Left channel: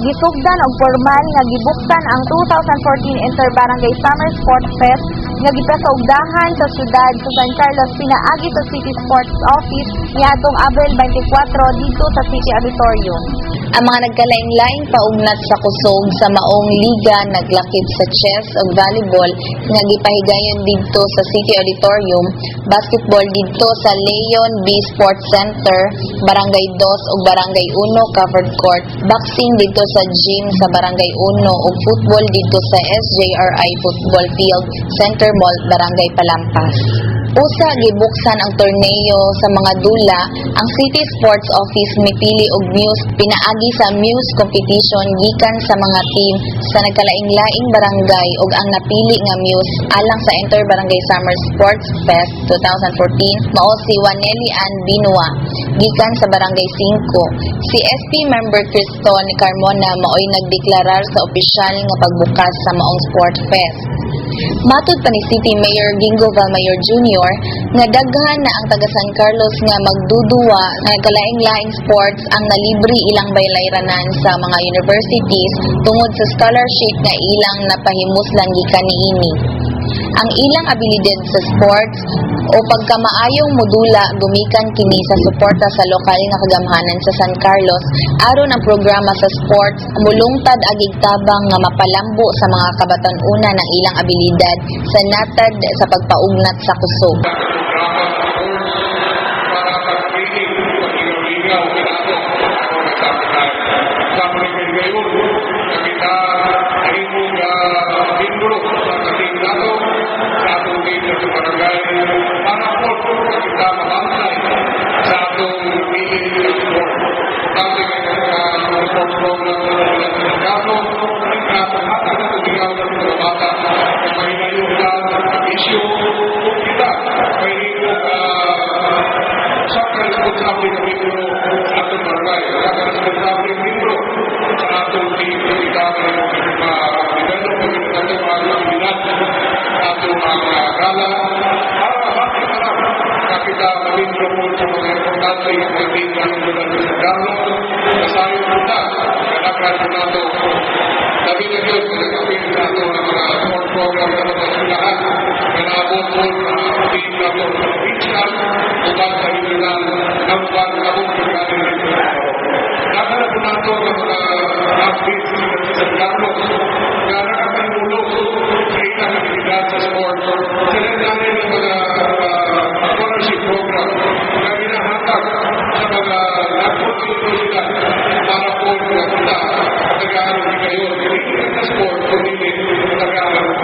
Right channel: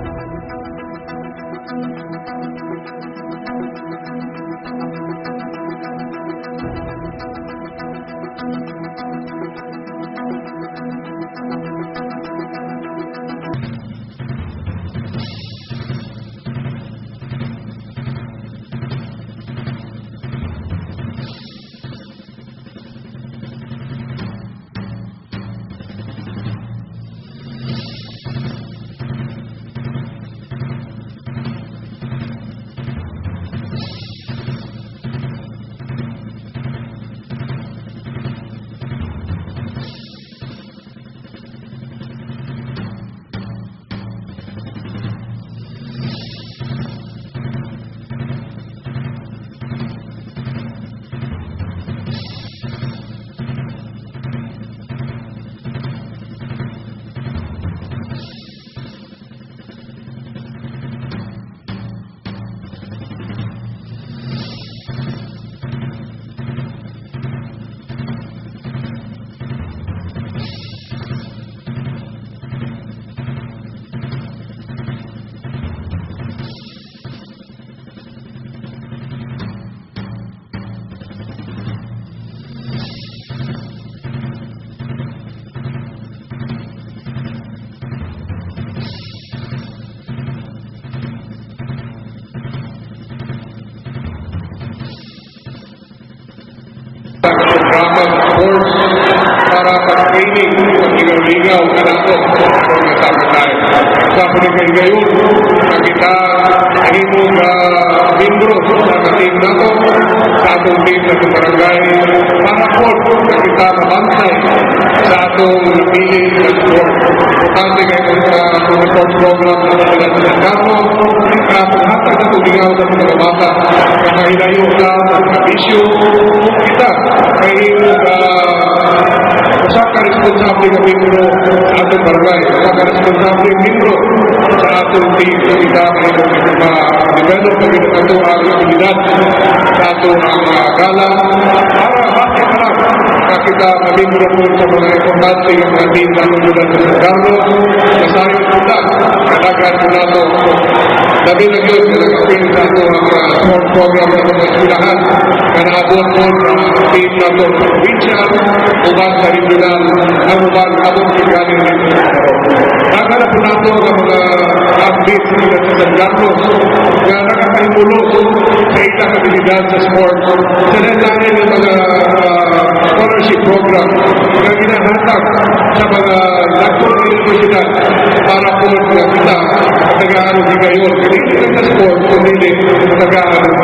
gisugdan og formal nga gibuksan ang 2014 Inter-Barangay Summer Sports Fest nga gipasaugdahan sa siyudad sa San Carlos pinaagi sa City Sports Office niadtong Abril 24 dito sa City Auditorium. Ang mga nagkalaing-laing paugnat sa kusog sa maong liga naglakip sa chess ug volleyball nga gipahigayon didto sa City Auditorium, basketball didto sa Leon B Sports Center, Barangay 2 ug Barangay 1 covered court, boxing didto sa gym sa Barangay 1 ug football didto sa SJRI Football Field, Center Mall, Barangay Palampas. Usa gibuksan ang torneo sa mga dula, ang City Sports Office mipili og Muse pinaagi sa Muse competition gikan sa mga team sa nagkalaing-laing barangay ug ang napili nga Muse alang sa Inter-Barangay Summer Sports Fest 2014 mao si Waneli Ann Binua gikan sa Barangay 5. Si SP member Criston Carmona maoy nagdeklarar sa opisyal nga pagbukas sa maong Sport Fest. Matud pa ni City Mayor Gingo Valmayor Jr. nga daghan na ang taga San Carlos nga magduduwa nga kalaing-laing sports ang nalibre ilang baylayranan sa mga universities tungod sa scholarship nga ilang napahimuslan gikan niini. Ang ilang abilidad sa sports o pagkamaayong modula gumikan kini sa suporta sa lokal nga kagamhanan sa San Carlos aron ang programa sa sports mulungtad agig tabang nga mapalambo sa mga kabatan-una ng ilang abilidad sa natad sa pagpaugnat sa kusog. Programa sports para pag-training ng ligaw-ligaw na nato sa pagkagayon na kita ahimong membro sa kating nato sa atong team sa barangay para po na kita mabansay sa atong piling ng sport. Importante kayo sa atong sports program sa Pilipinas sa Carlo na paghatag na tuligaw sa mga bata na mahilayo sa isyu kita mahimong usa ka responsable nga membro sa atong barangay, usa ka responsable membro sa atong team sa kita ma-develop na ito ang abilidad sa atong gala para base na lang na kita ma-membro po sa mga importante ng mga team sa atong lugar sa Carlos na tayo punta kadaghan po nato sabi na yun na nag-apin sa atong sport program sa mga eskwelahan na naabot po sa team nato sa provincial uban sa regional na uban abot pagkanin rin nakala po nato ang mga athlete sa San Carlos na nakakaimulos sa ilang abilidad sa sports sa landanin ng mga scholarship program na ginahatag sa mga national universidad para po na kita tagaan ng higayon hindi sa sports kundi tagaan ng